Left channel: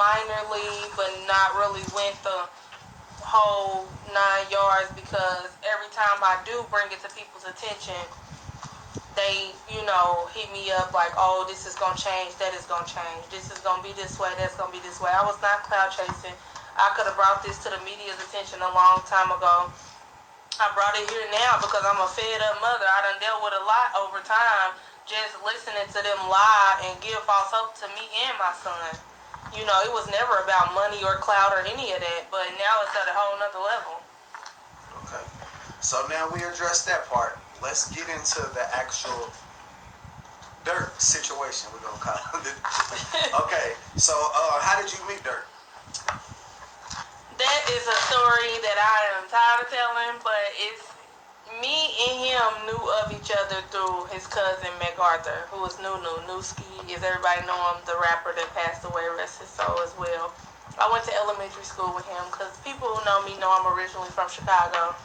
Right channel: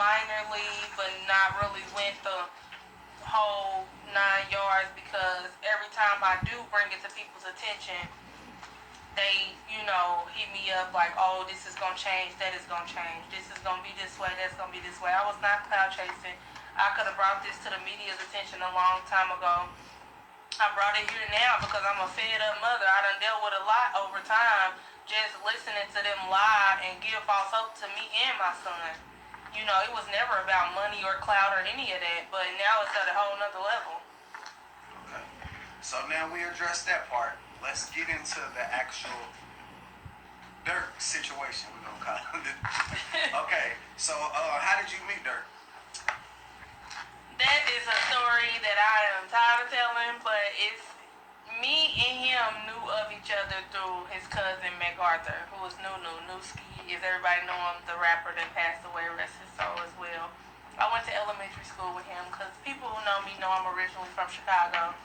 minorly, but not really went the whole 9 yards because every time I do bring it to people's attention, they, hit me up like, oh, this is going to change, that is going to change, this is going to be this way, that's going to be this way. I was not cloud chasing. I could have brought this to the media's attention a long time ago. I brought it here now because I'm a fed up mother. I done dealt with a lot over time just listening to them lie and give false hope to me and my son. It was never about money or clout or any of that, but now it's at a whole nother level. Okay. So now we addressed that part. Let's get into the actual Durk situation, we're going to call it. Okay, so how did you meet Durk? That is a story that I am tired of telling, but it's me and him knew of each other through his cousin MacArthur, who was Nuski. Is everybody know him, the rapper that passed away, rest his soul as well. I went to elementary school with him because people who know me know I'm originally from Chicago.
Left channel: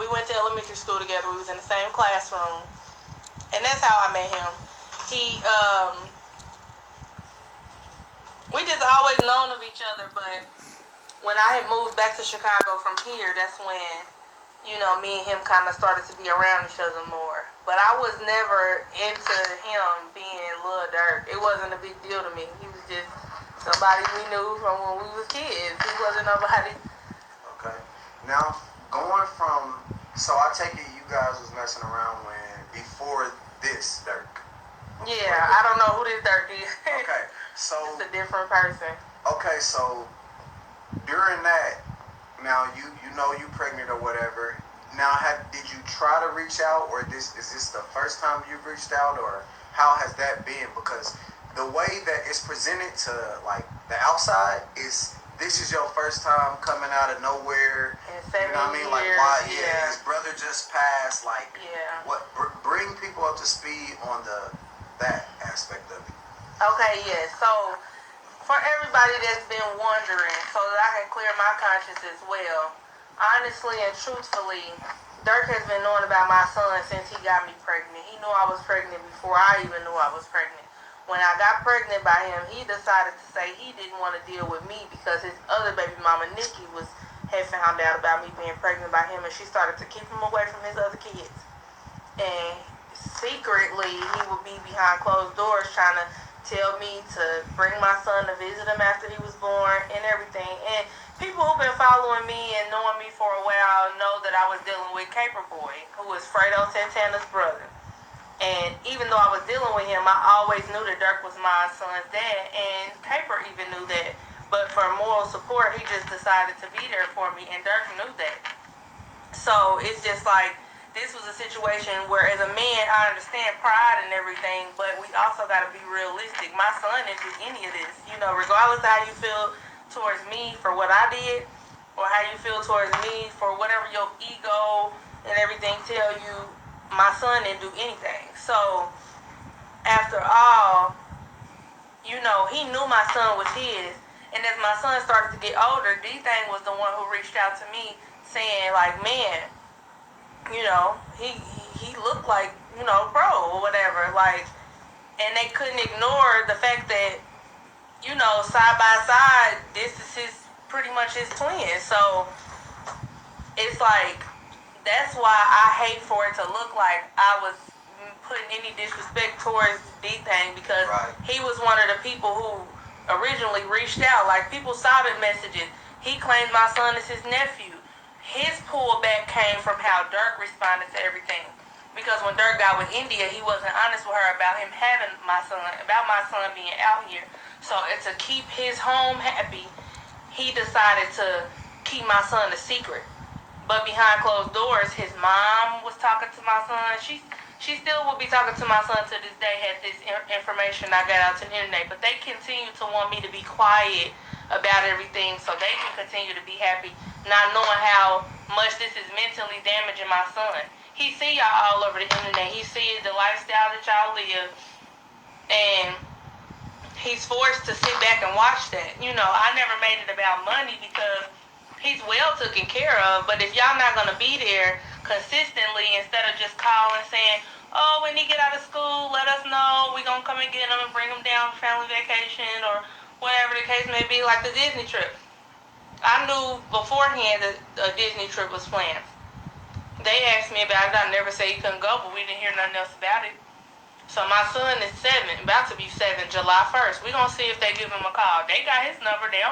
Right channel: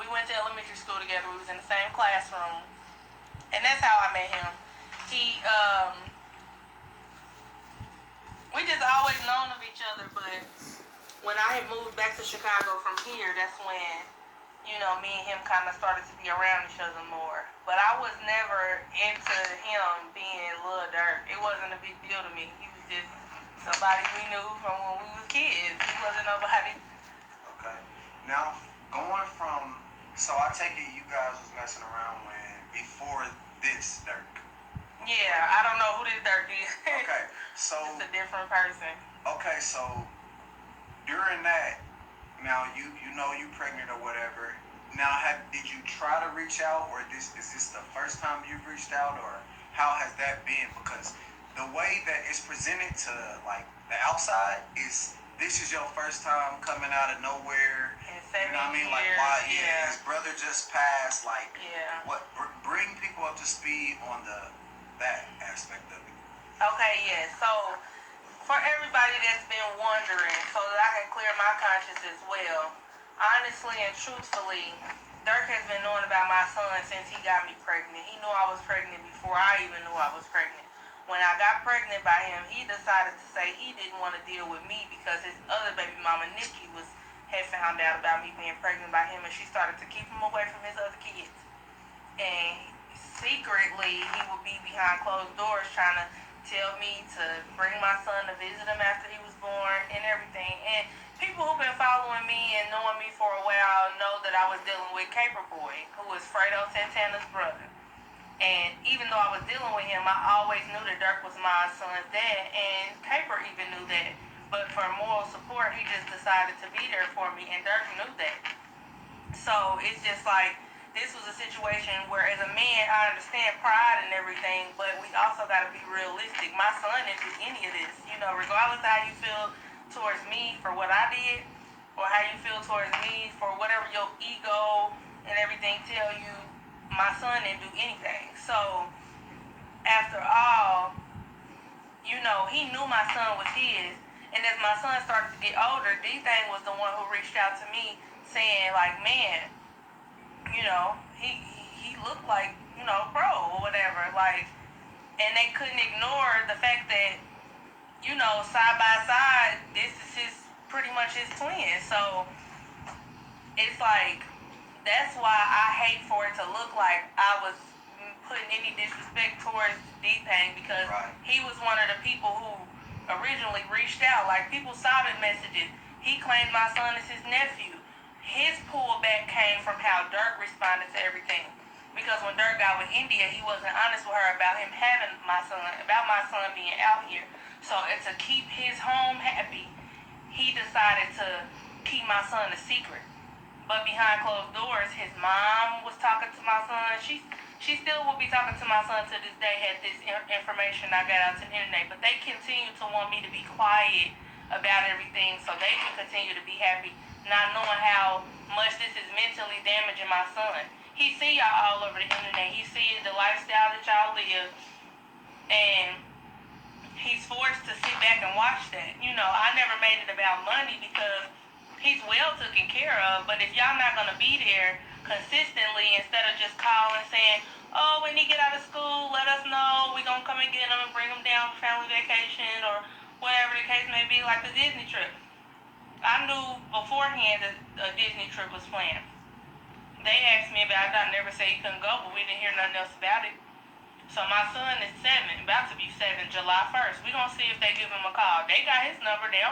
We went to elementary school together. We was in the same classroom, and that's how I met him. We just always known of each other, but when I had moved back to Chicago from here, that's when, me and him kind of started to be around each other more. But I was never into him being Lil Durk. It wasn't a big deal to me. He was just somebody we knew from when we was kids. He wasn't nobody. Okay. Now, going from, so I take it you guys was messing around before this Durk. Yeah, I don't know who this Durk is. Okay, so. It's a different person. Okay, so during that, now you know you pregnant or whatever. Now, did you try to reach out, or is this the first time you've reached out, or how has that been? Because the way that it's presented to like the outside is this is your first time coming out of nowhere. In 7 you know what I mean? years, Like why? Yeah, his brother just passed. Like yeah. What? Bring people up to speed on that aspect of it. Okay, yeah. So for everybody that's been wondering, so that I can clear my conscience as well, honestly and truthfully, Durk has been knowing about my son since he got me pregnant. He knew I was pregnant before I even knew I was pregnant. When I got pregnant by him, he decided to say he didn't want to deal with me because his other baby mama, Nikki, had found out about me being pregnant by him, and she started to keep him away from his other kids. And secretly, he would be behind closed doors trying to tell me to bring my son to visit him after he was born and everything. And people who've been following me and knowing me for a while know that I was dealing with Caper Boy, who was Fredo Santana's brother. And even though I was dealing with him, I always knew that Durk was my son's dad, and Caper even knew that. But for moral support, he just decided to be there for me, and Durk knew that. So it's just like, this was a situation where, as a man, I understand pride and everything, but we also got to be realistic. My son didn't do any of this. Regardless of how you feel towards me for what I did, or how you feel towards me for whatever your ego and everything tell you, my son didn't do anything. So, after all, he knew my son was his. And as my son started to get older, D-Thing was the one who reached out to me saying, like, man, he looked like, bro or whatever. Like, and they couldn't ignore the fact that, side by side, this is pretty much his twin. So it's like, that's why I hate for it to look like I was putting any disrespect towards D-Thing, because he was one of the people who originally reached out. Like, people saw the messages. He claimed my son as his nephew. His pullback came from how Durk responded to everything. Because when Durk got with India, he wasn't honest with her about him having my son, about my son being out here. So to keep his home happy, he decided to keep my son a secret. But behind closed doors, his mom was talking to my son. She still will be talking to my son to this day, had this information I got out to the internet. But they continue to want me to be quiet about everything so they can continue to be happy, not knowing how much this is mentally damaging my son. He see y'all all over the internet. He sees the lifestyle that y'all live. And he's forced to sit back and watch that. I never made it about money because he's well taken care of. But if y'all not going to be there consistently, instead of just calling saying, oh, when he get out of school, let us know. We're going to come and get him and bring him down for family vacation, or whatever the case may be, like the Disney trip. I knew beforehand that a Disney trip was planned. They asked me about it. I never said he couldn't go, but we didn't hear nothing else about it. So my son is 7, about to be 7, July 1st. We're going to see if they give him a call. They got his number. They don't